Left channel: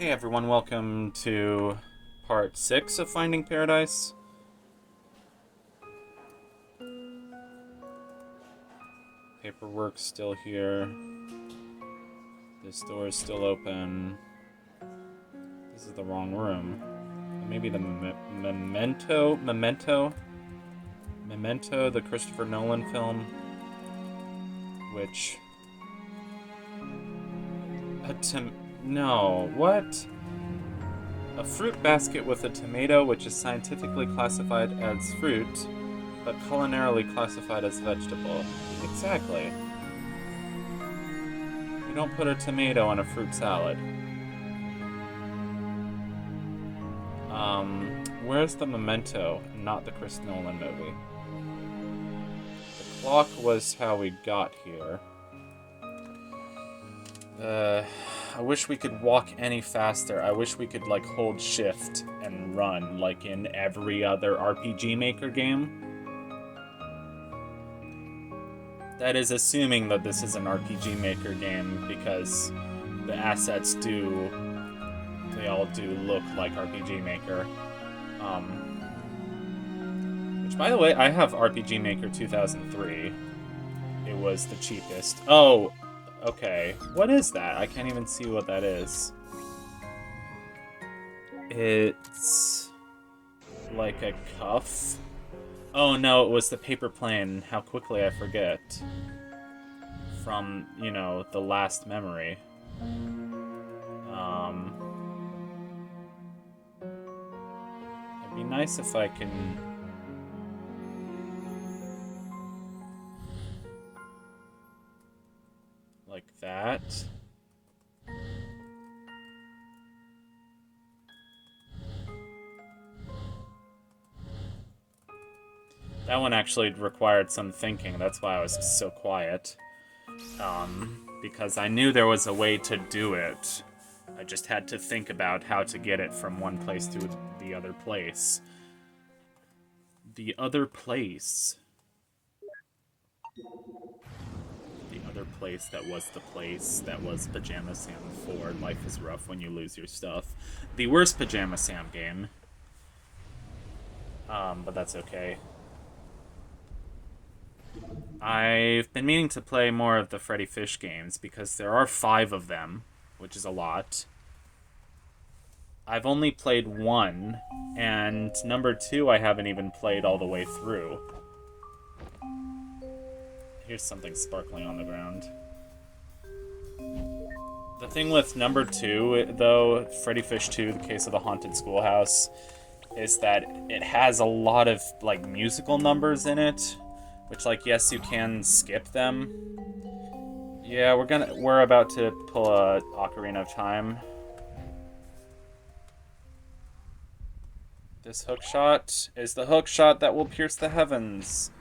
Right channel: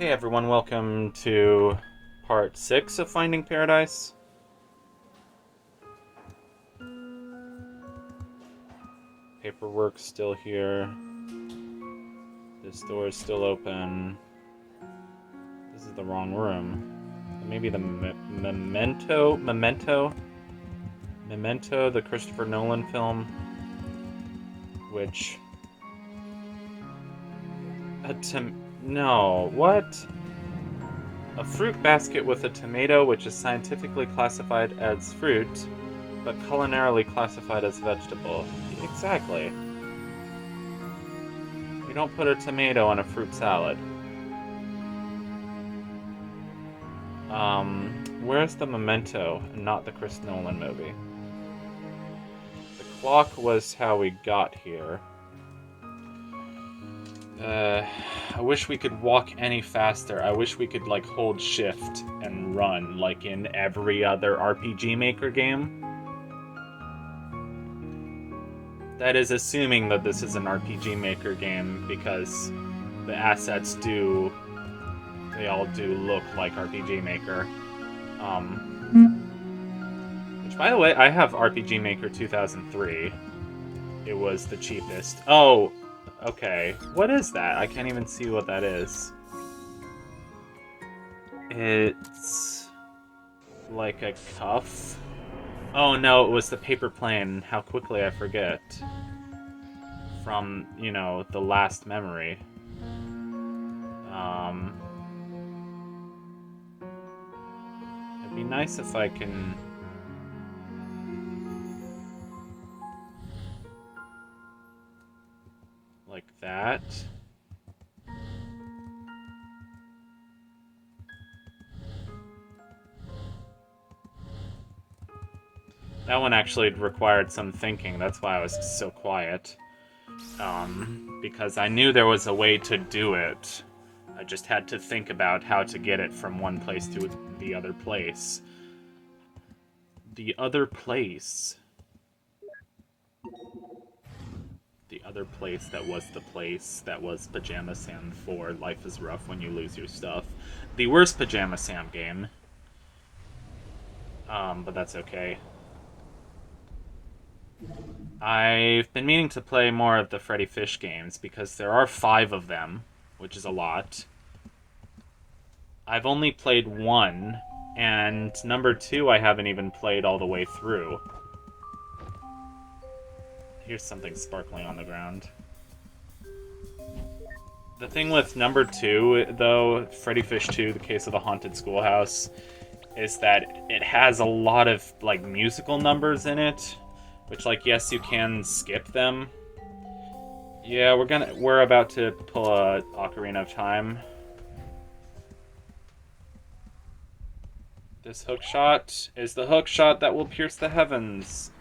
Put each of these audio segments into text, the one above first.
Hey everyone, welcome to part 6 of Finding Paradise. Paperwork's still here. This door is still open. This is the wrong room. Maybe the Memento, the Christopher Nolan film, which... No, what? A fruit basket with a tomato which is scientifically classified as fruit, but culinarily classified as vegetable. Exactly. You don't put a tomato in a fruit salad. Where's the Memento and not the Chris Nolan movie? The clock was how we got here. I wish we could walk any faster. I wish we could, like, hold shift and run, like in every other RPG Maker game. That is assuming that this is an RPG Maker game, because the assets they all do look like RPG Maker. Which, by the way, I have RPG Maker 2003. It was the cheapest. Oh, okay. What is that? I can't even see what that is. It's like a cuff. Oh no, it was the paper plane. How quickly I forget. From, you know, the last memory. It'd be nice if I can... like that. That one actually required some thinking. That's why I was so quiet. Because I knew there was a way to do it. I just had to think about how to get it from one place to the other place. The other place. The other place that was Pajama Sam 4. Life is rough when you lose your stuff. The worst Pajama Sam game. But that's okay. I've been meaning to play more of the Freddy Fish games because there are 5 of them, which is a lot. I've only played 1, and number 2 I haven't even played all the way through. Here's something sparkling on the ground. The thing with number 2, though, Freddy Fish 2, The Case of the Haunted Schoolhouse, is that it has a lot of, like, musical numbers in it. Which, like, yes, you can skip them. Yeah, we're about to pull a Ocarina of Time. This hook shot is the hook shot that will pierce the heavens.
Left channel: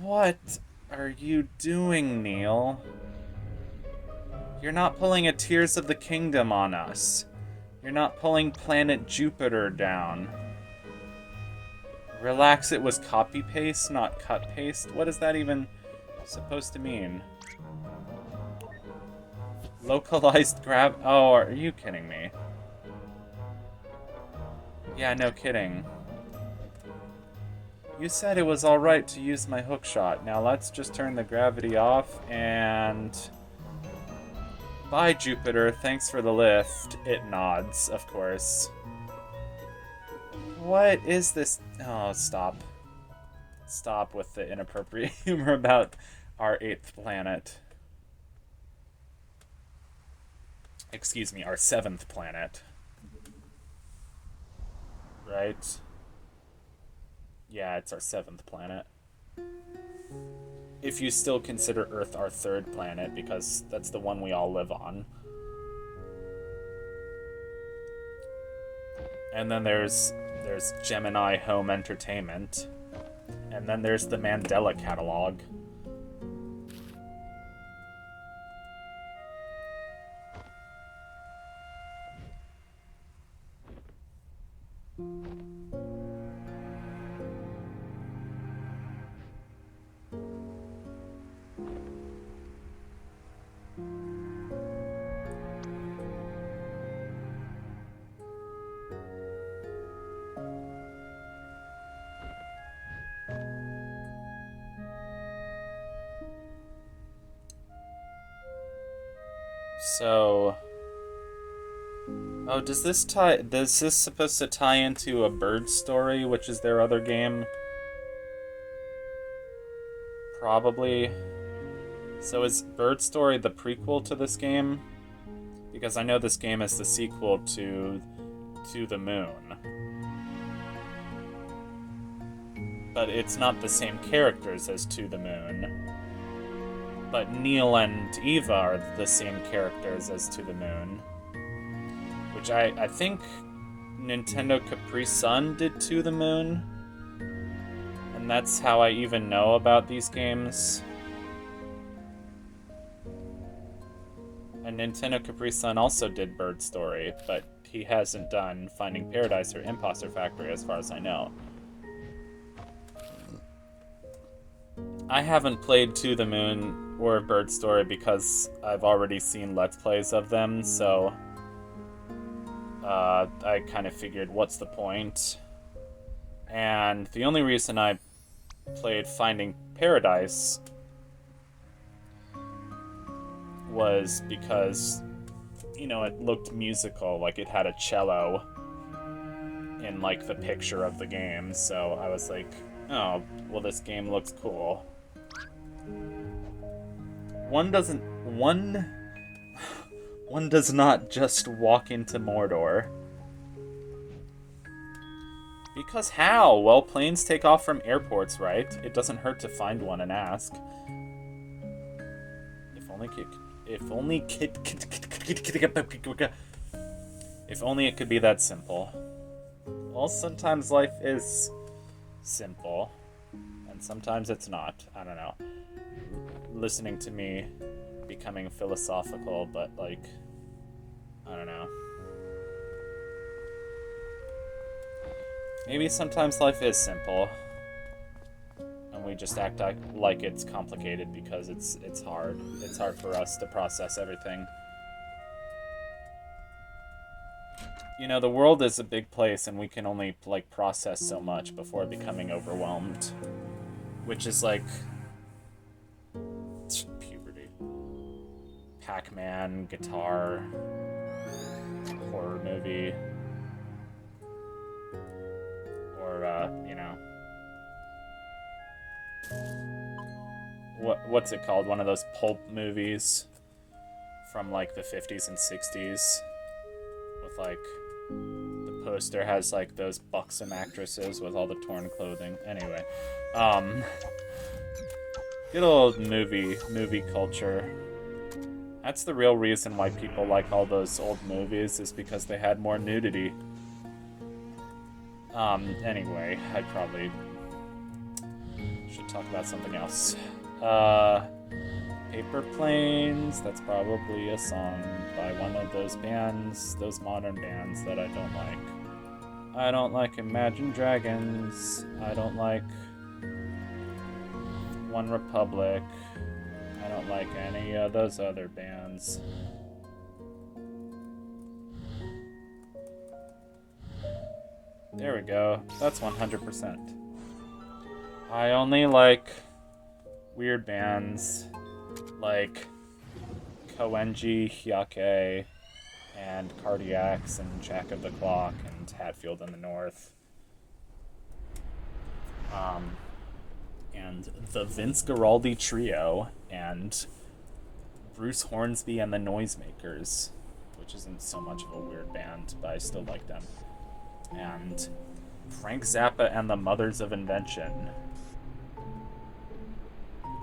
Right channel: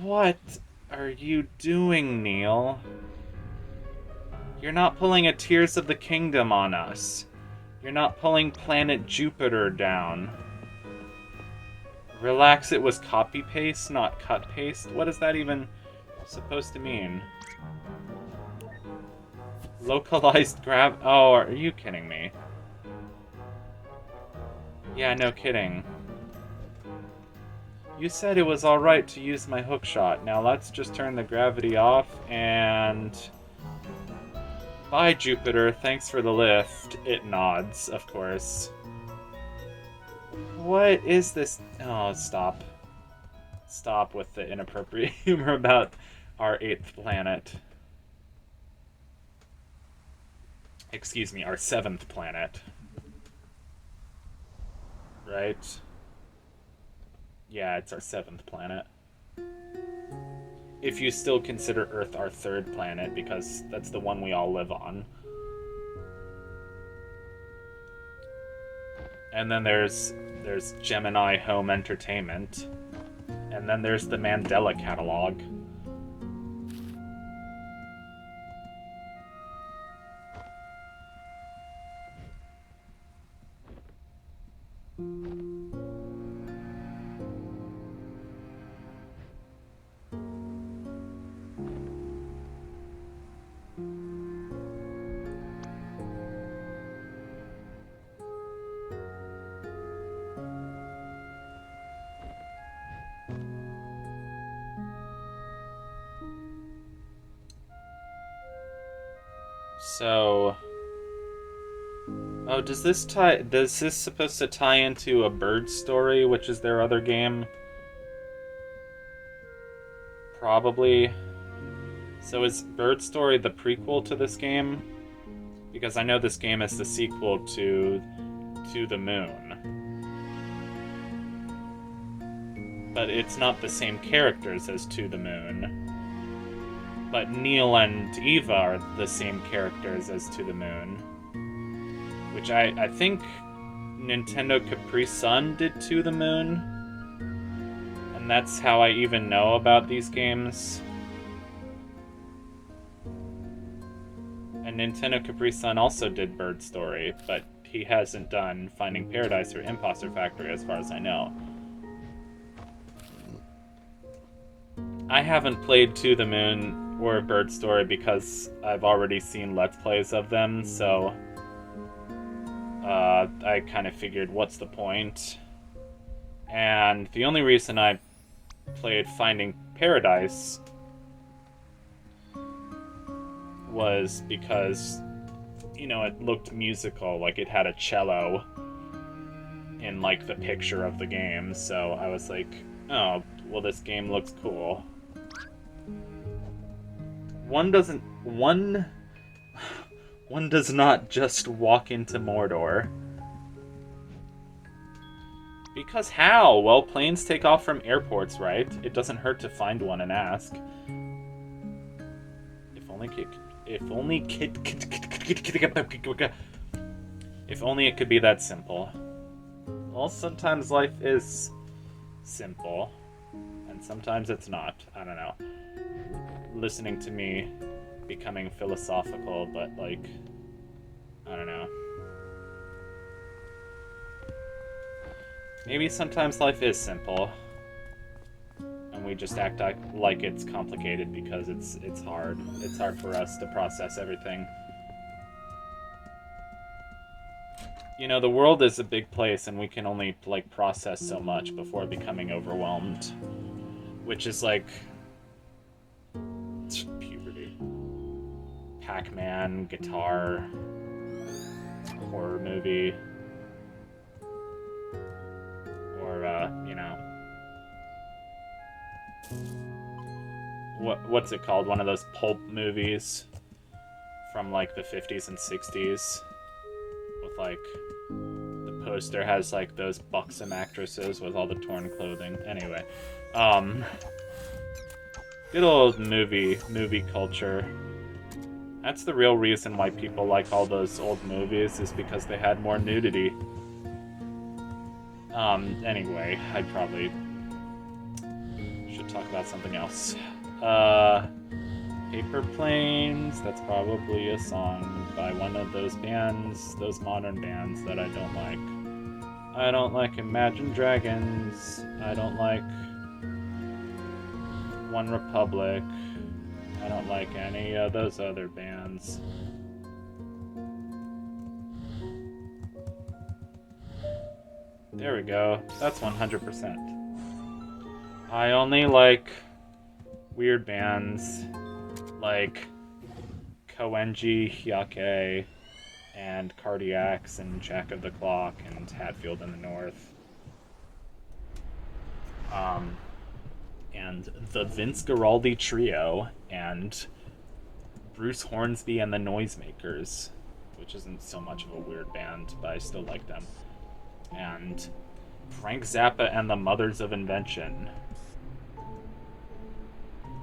What are you doing, Neil? You're not pulling a Tears of the Kingdom on us. You're not pulling Planet Jupiter down. Relax, it was copy-paste, not cut-paste? What is that even supposed to mean? Localized grab... Oh, are you kidding me? Yeah, no kidding. You said it was alright to use my hookshot. Now let's just turn the gravity off and... Bye, Jupiter. Thanks for the lift. It nods, of course. What is this? Oh, stop. Stop with the inappropriate humor about our 8th planet. Excuse me, our 7th planet. Right? Yeah, it's our 7th planet. If you still consider Earth our 3rd planet, because that's the one we all live on. And then there's Gemini Home Entertainment. And then there's the Mandela Catalog. So, oh, does this supposed to tie into A Bird Story, which is their other game? Probably. So is Bird Story the prequel to this game? Because I know this game is the sequel to the Moon. But it's not the same characters as To the Moon. But Neil and Eva are the same characters as To the Moon. Which I think Nintendo Capri Sun did To the Moon. And that's how I even know about these games. And Nintendo Capri Sun also did Bird Story, but he hasn't done Finding Paradise or Imposter Factory as far as I know. I haven't played To the Moon or Bird Story because I've already seen Let's Plays of them, so I kind of figured, what's the point? And the only reason I played Finding Paradise was because, you know, it looked musical, like it had a cello in, like, the picture of the game, so I was like, oh, well, this game looks cool. One does not just walk into Mordor. Because how? Well, planes take off from airports, right? It doesn't hurt to find one and ask. If only it could be that simple. Well, sometimes life is simple, and sometimes it's not. I don't know. Listening to me becoming philosophical, but, like, I don't know. Maybe sometimes life is simple, and we just act like it's complicated because it's hard. It's hard for us to process everything. You know, the world is a big place, and we can only, like, process so much before becoming overwhelmed. Which is, like, puberty. Pac-Man, guitar, horror movie, or, you know, what's it called? One of those pulp movies from, like, the 50s and 60s with, like, the poster has, like, those buxom actresses with all the torn clothing. Anyway, good old movie culture. That's the real reason why people like all those old movies, is because they had more nudity. Anyway, I probably should talk about something else. Paper Planes, that's probably a song by one of those bands, those modern bands that I don't like. I don't like Imagine Dragons. I don't like One Republic. I don't like any of those other bands. There we go. That's 100%. I only like weird bands like Koenji Hyake and Cardiacs and Jack of the Clock and Hatfield in the North. And the Vince Guaraldi Trio and Bruce Hornsby and the Noisemakers, which isn't so much of a weird band, but I still like them. And Frank Zappa and the Mothers of Invention.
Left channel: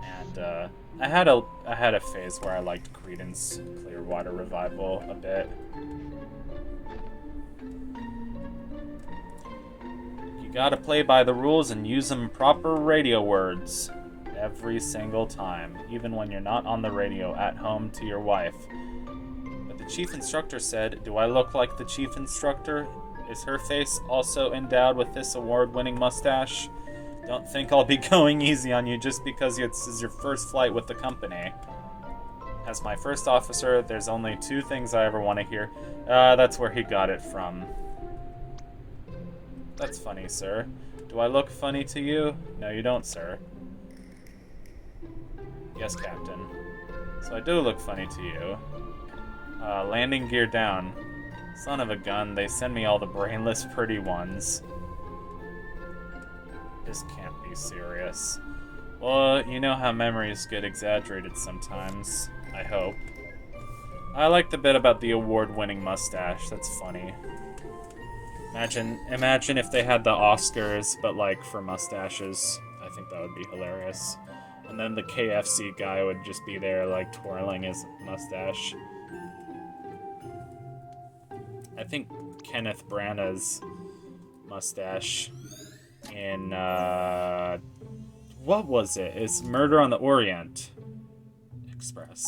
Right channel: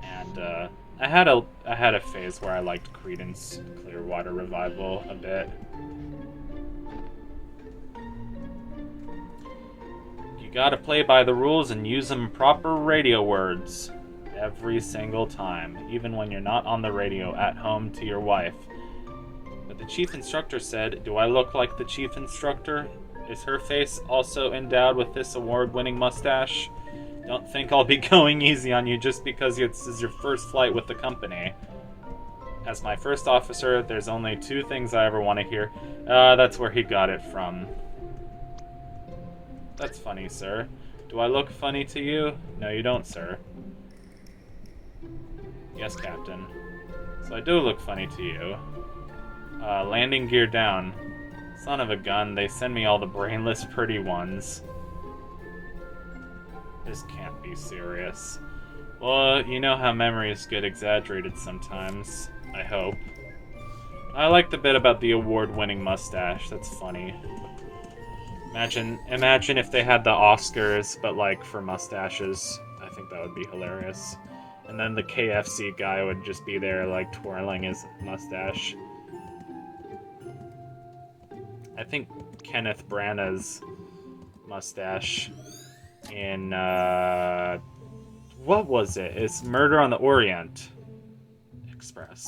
And I had a phase where I liked Creedence Clearwater Revival a bit. You gotta play by the rules and use them proper radio words every single time, even when you're not on the radio at home to your wife. But the chief instructor said, "Do I look like the chief instructor? Is her face also endowed with this award-winning mustache? Don't think I'll be going easy on you just because this is your first flight with the company. As my first officer, there's only two things I ever want to hear. That's where he got it from." That's funny, sir. Do I look funny to you? No, you don't, sir. Yes, Captain. So I do look funny to you. Landing gear down. Son of a gun, they send me all the brainless pretty ones. This can't be serious. Well, you know how memories get exaggerated sometimes. I hope. I like the bit about the award-winning mustache. That's funny. Imagine if they had the Oscars, but like for mustaches. I think that would be hilarious. And then the KFC guy would just be there, like, twirling his mustache. I think Kenneth Branagh's mustache in, what was it? It's Murder on the Orient Express.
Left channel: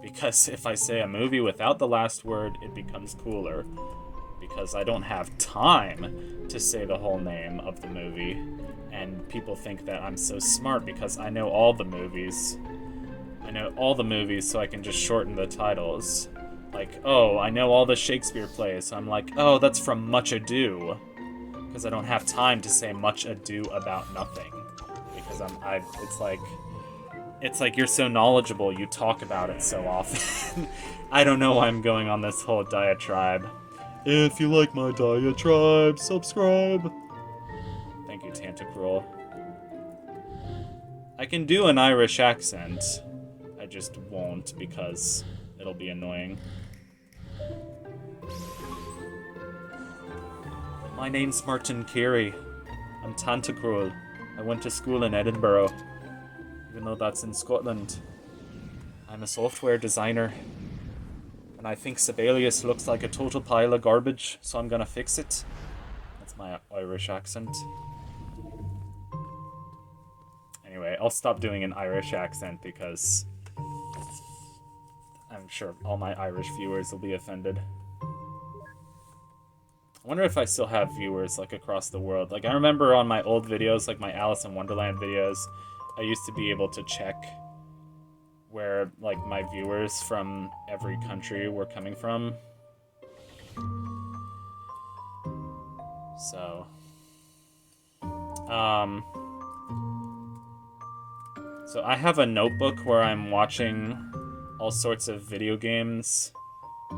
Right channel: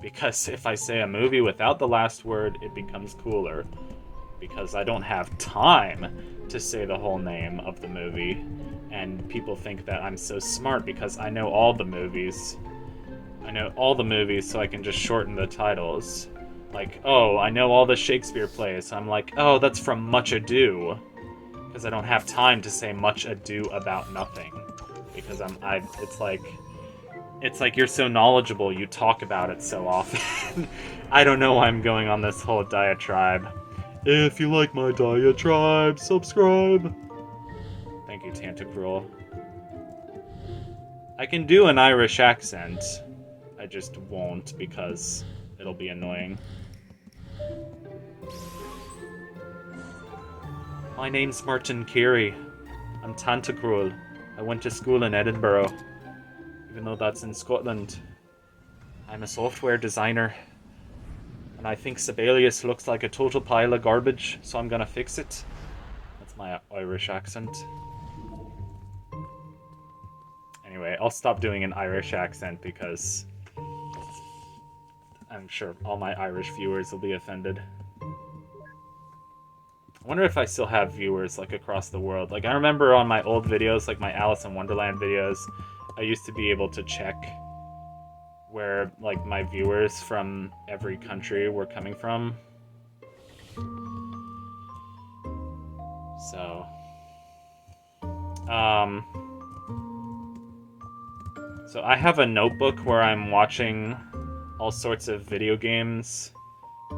Because if I say a movie without the last word, it becomes cooler. Because I don't have time to say the whole name of the movie. And people think that I'm so smart because I know all the movies. I know all the movies, so I can just shorten the titles. Like, oh, I know all the Shakespeare plays. I'm like, oh, that's from Much Ado. Because I don't have time to say Much Ado About Nothing. Because it's like you're so knowledgeable, you talk about it so often. I don't know why I'm going on this whole diatribe. If you like my diatribe, subscribe. Thank you, Tantacruel. I can do an Irish accent. I just won't because it'll be annoying. My name's Martin Carey. I'm Tantacruel. I went to school in Edinburgh, even though that's in Scotland. I'm a software designer. And I think Sibelius looks like a total pile of garbage, so I'm gonna fix it. That's my Irish accent. Anyway, I'll stop doing an Irish accent because I'm sure all my Irish viewers will be offended. I wonder if I still have viewers, like, across the world. Like, I remember on my old videos, like my Alice in Wonderland videos, I used to be able to check where, like, my viewers from every country were coming from. So, so I have a notebook where I'm watching all sorts of video games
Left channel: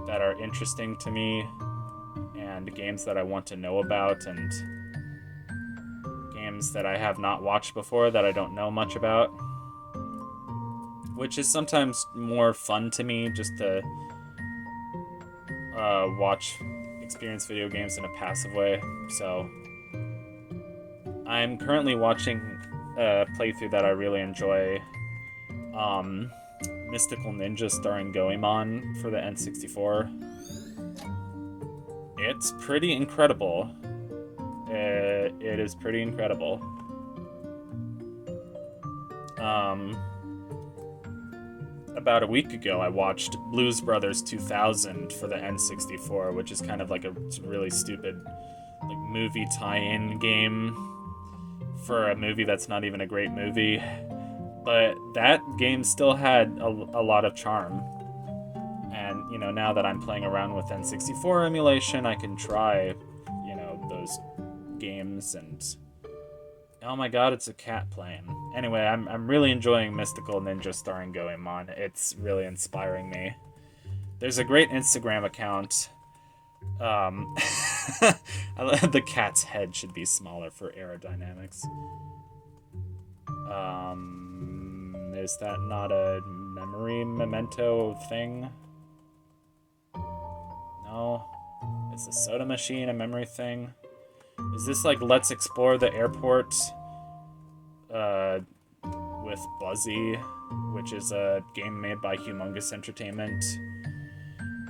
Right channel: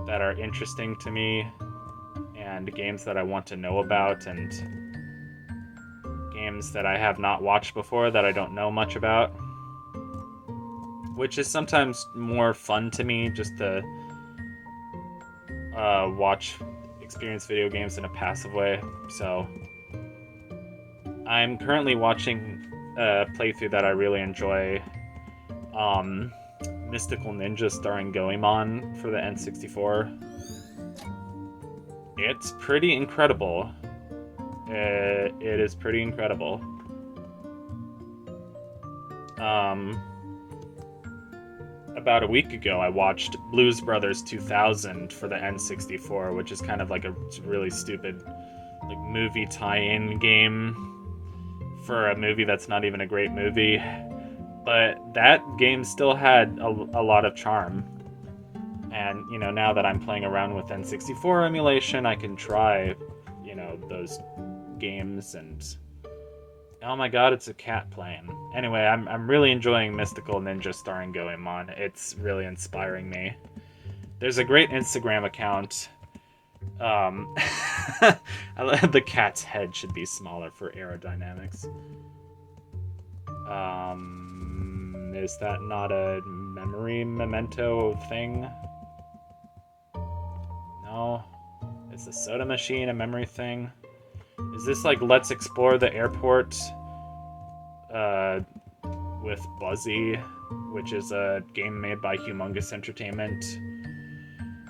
that are interesting to me, and games that I want to know about, and games that I have not watched before that I don't know much about. Which is sometimes more fun to me, just to experience video games in a passive way. So I'm currently watching a playthrough that I really enjoy, Mystical Ninja starring Goemon for the N64. It's pretty incredible. It is pretty incredible. About a week ago, I watched Blues Brothers 2000 for the N64, which is kind of like a really stupid, like, movie tie-in game for a movie that's not even a great movie. But that game still had a lot of charm. And, you know, now that I'm playing around with N64 emulation, I can try, you know, those games and... Oh my god, it's a cat playing. Anyway, I'm really enjoying Mystical Ninja starring Goemon. It's really inspiring me. There's a great Instagram account. The cat's head should be smaller for aerodynamics. Is that not a memory memento thing? No? Is the soda machine a memory thing? Is this like Let's Explore the Airport with Buzzy, which is a game made by Humongous Entertainment,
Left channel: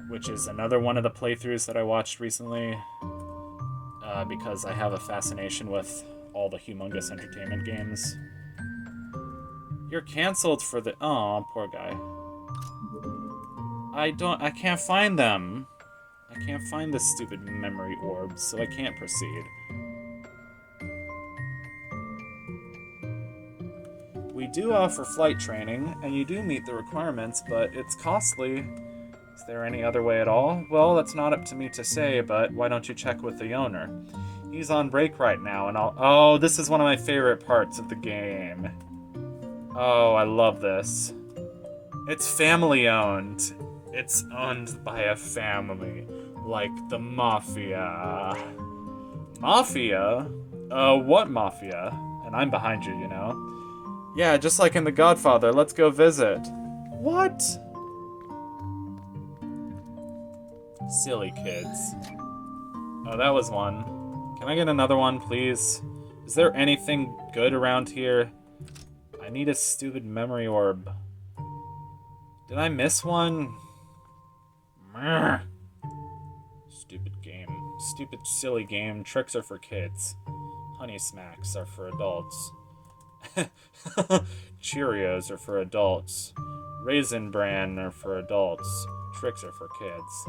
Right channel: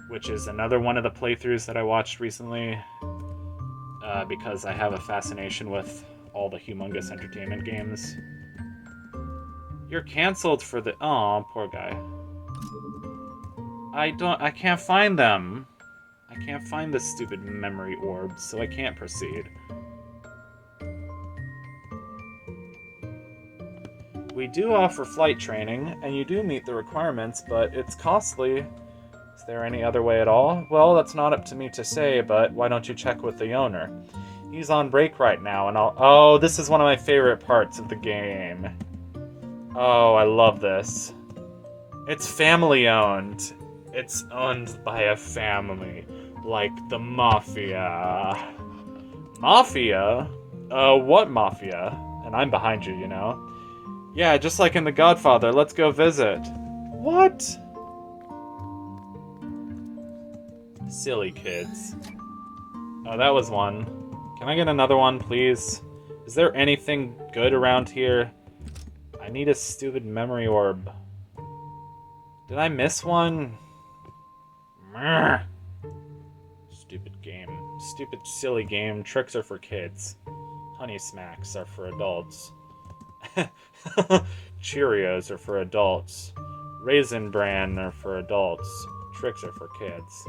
which is another one of the playthroughs that I watched recently because I have a fascination with all the Humongous Entertainment games. You're canceled for the... Aw, poor guy. I can't find them. I can't find the stupid memory orbs, so I can't proceed. We do offer flight training, and you do meet the requirements, but it's costly. Is there any other way at all? Well, that's not up to me to say, but why don't you check with the owner? He's on break right now, and I'll... Oh, this is one of my favorite parts of the game. Oh, I love this. It's family-owned. It's owned by a family, like the Mafia. Mafia? What Mafia? And I'm behind you, you know? Yeah, just like in The Godfather, let's go visit. What? Silly kids. Oh, that was one. Can I get another one, please? Is there anything good around here? I need a stupid memory orb. Did I miss one? Meh. Stupid game. Stupid, silly game. Tricks are for kids. Honey Smacks are for adults. Cheerios are for adults. Raisin Bran are for adults. Tricks are for kids.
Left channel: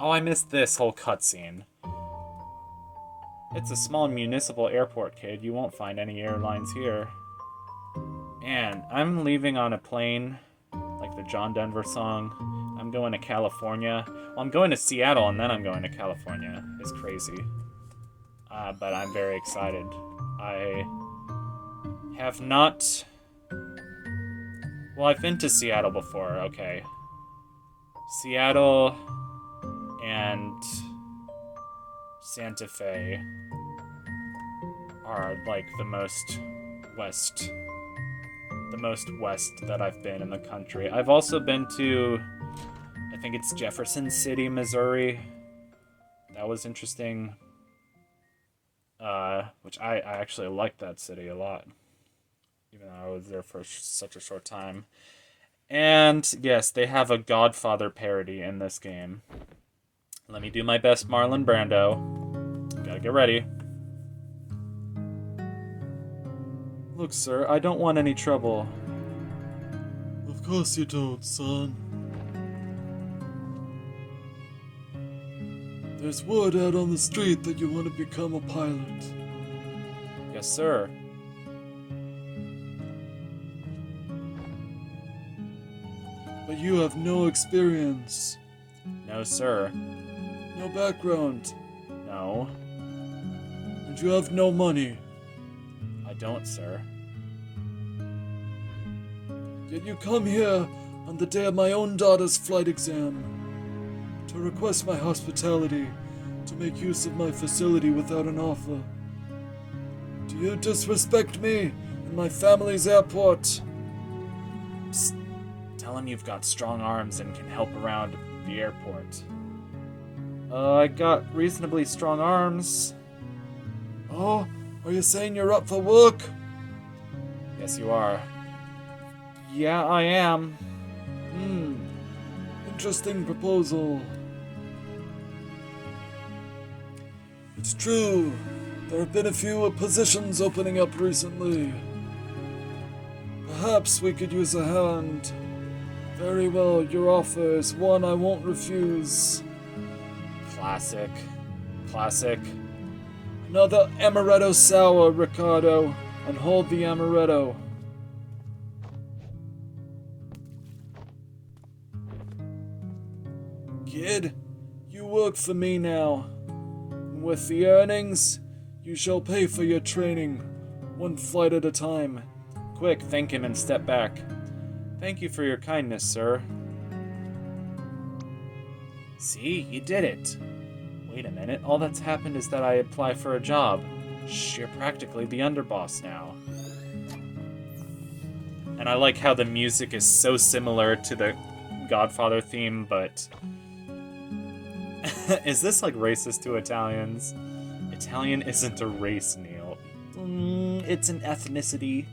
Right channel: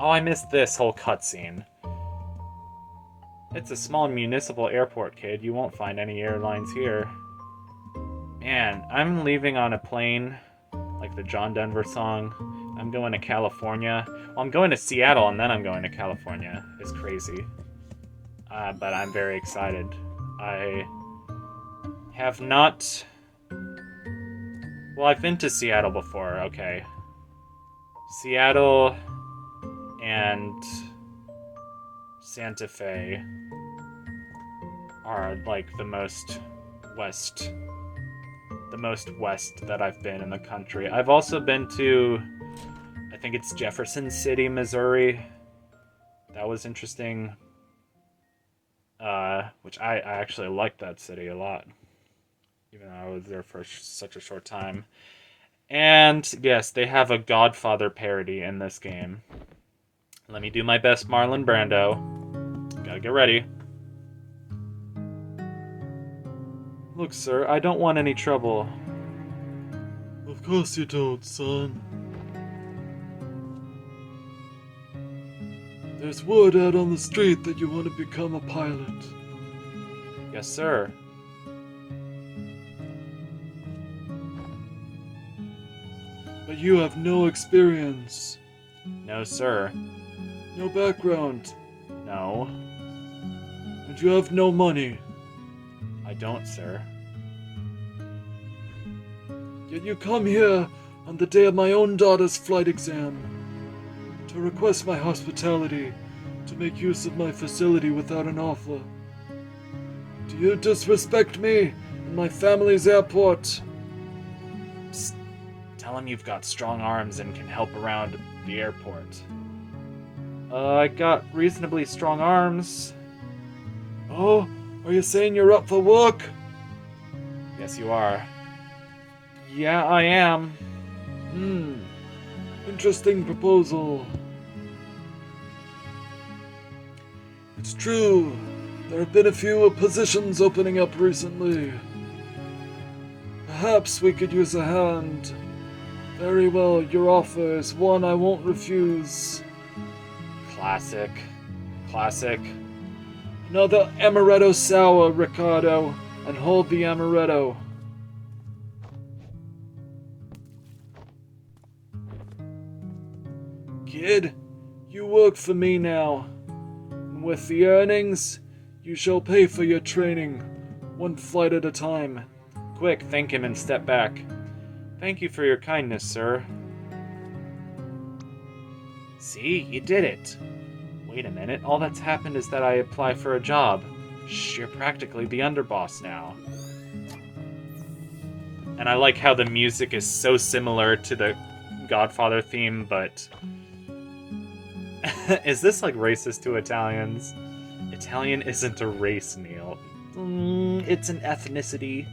Oh, I missed this whole cutscene. It's a small municipal airport, kid. You won't find any airlines here. Man, I'm leaving on a plane, like the John Denver song. I'm going to California. Well, I'm going to Seattle and then I'm going to California. It's crazy. But I'm very excited. I have not... Well, I've been to Seattle before, okay. Seattle and Santa Fe are like the most west that I've been in the country. I've also been to, I think it's Jefferson City, Missouri. That was interesting. Which I actually liked that city a lot, even though I was there for such a short time. And yes, they have a Godfather parody in this game. Let me do my best Marlon Brando. Gotta get ready. Look, sir, I don't want any trouble. Of course you don't, son. There's word out on the street that you want to become a pilot. Yes, sir. But you have no experience. No, sir. No background. No. And you have no money. I don't, sir. Yet you come here on the day of my own daughter's flight exam to request my hospitality, to make use of my facility without an offer. Do you disrespect me and my family's airport? Psst. Tell him you've got strong arms and can help around the airport. I got reasonably strong arms. Oh, are you saying you're up for work? Yes, you are. Yeah, I am. Interesting proposal. It's true. There have been a few positions opening up recently. Perhaps we could use a hand. Very well, your offer is one I won't refuse. Classic. Classic. Another amaretto sour, Ricardo, and hold the amaretto. Kid, you work for me now. And with the earnings, you shall pay for your training, one flight at a time. Quick, thank him and step back. Thank you for your kindness, sir. See, you did it. Wait a minute, all that's happened is that I apply for a job. Shh, you're practically the underboss now. And I like how the music is so similar to the Godfather theme, but... Is this like racist to Italians? Italian isn't a race, Neil. It's an ethnicity.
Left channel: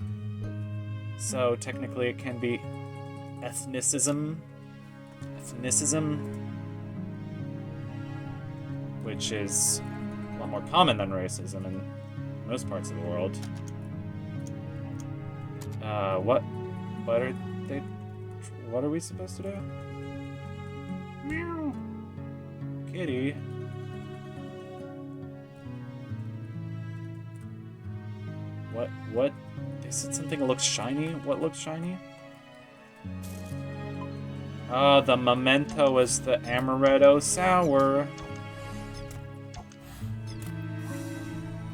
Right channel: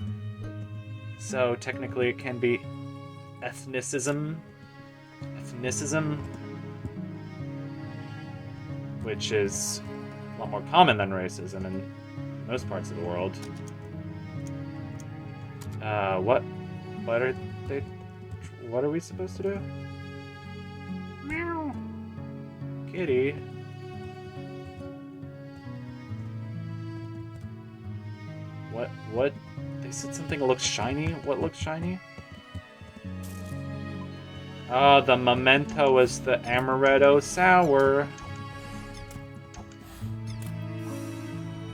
So technically it can be ethnicism. Ethnicism. Which is a lot more common than racism in most parts of the world. What are we supposed to do? Meow. Kitty. What? They said something looks shiny? What looks shiny? Oh, the memento is the amaretto sour.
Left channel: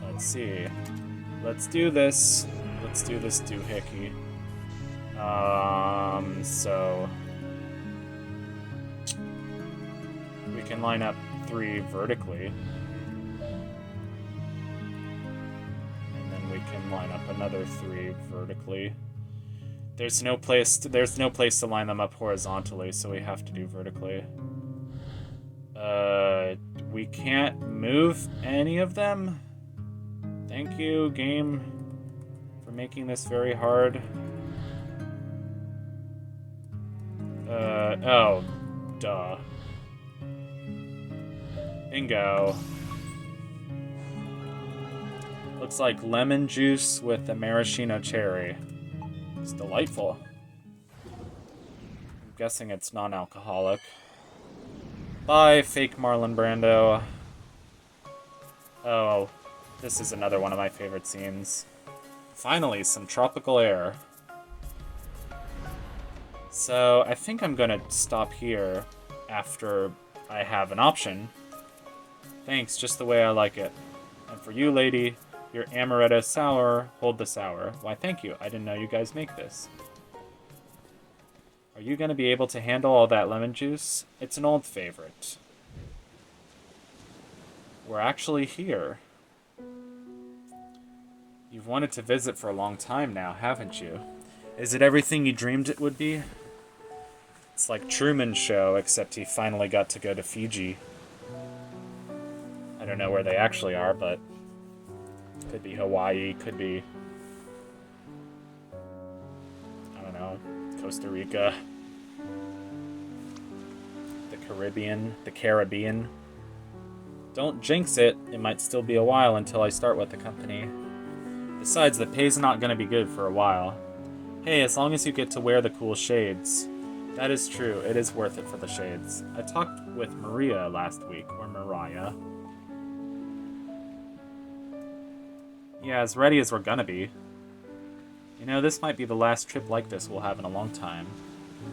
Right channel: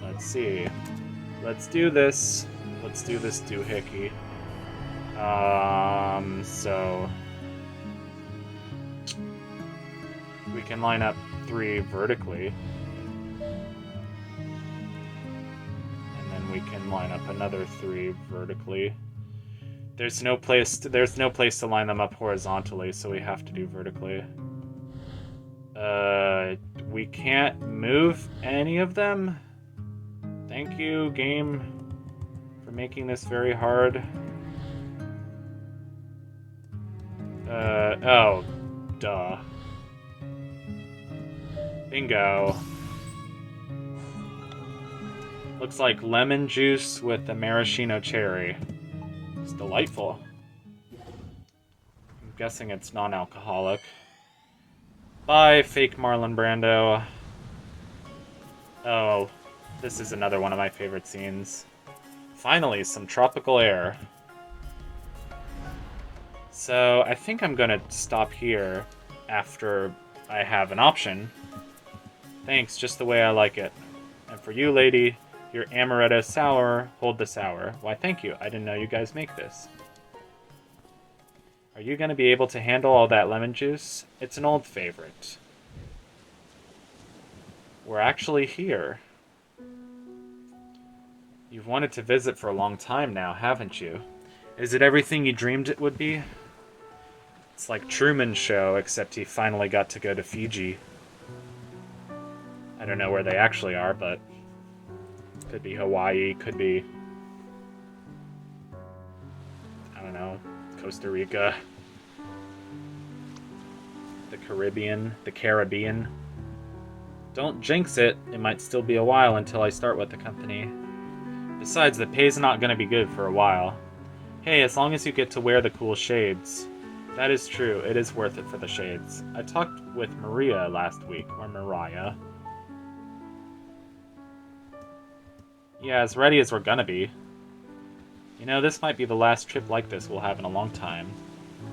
Let's see. Let's do this. Let's do this doohickey. So... We can line up 3 vertically. And then we can line up another 3 vertically. There's no place to line them up horizontally, so we have to do vertically. We can't move any of them? Thank you, game, for making this very hard. Oh, duh. Bingo. Looks like lemon juice with a maraschino cherry. It's delightful. I'm guessing it's non-alcoholic. Bye, fake Marlon Brando. Oh, this is another one of my favorite scenes. Finally, some tropical air. So, I think I'm gonna stop here after I have an option. Thanks, just the way I like it. And for you, lady, your amaretto sour, hold the sour. Why, thank you. I didn't know you guys make this. Are you gonna be able to handle all that lemon juice? It's an old favorite. We're actually here. You've wanted to visit for a long time now, haven't you? Is it everything you dreamed it would be? It's like Truman's Show, except he finally got to go to Fiji. I don't know where they actually are, but could be Hawaii, could be, I don't know, Costa Rica, the Caribbean. Don't jinx it. It might still be a while until I start with the company. Besides, the pay's not going to be good for a while. Hey, as long as you get to wear the cool shades. That is true. It is worth it for the shades. I talked with Maria last week, or Mariah. Yeah, as ready as we're gonna be. You know, this might be the last trip like this we'll have in a long time.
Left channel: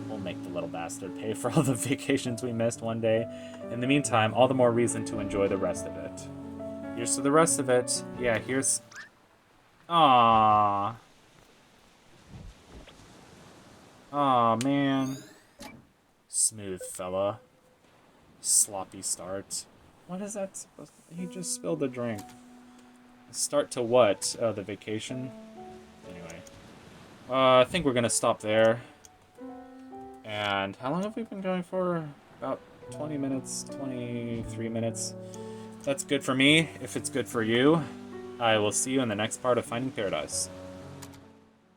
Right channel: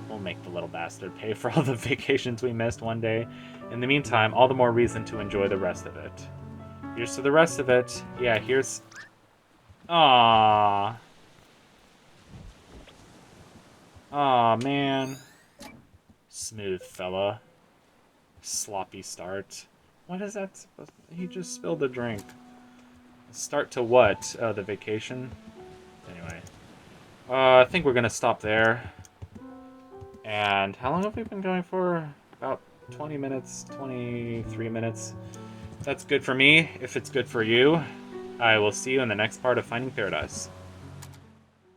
We'll make the little bastard pay for all the vacations we missed one day. In the meantime, all the more reason to enjoy the rest of it. Here's to the rest of it. Yeah, here's... Aww. Aw, man. Smooth fella. Sloppy start. What is that supposed to... He just spilled a drink. Start to what? Oh, the vacation? Anyway. I think we're gonna stop there. And how long have we been going for? About 20 minutes, 23 minutes. That's good for me. If it's good for you, I will see you in the next part of Finding Paradise.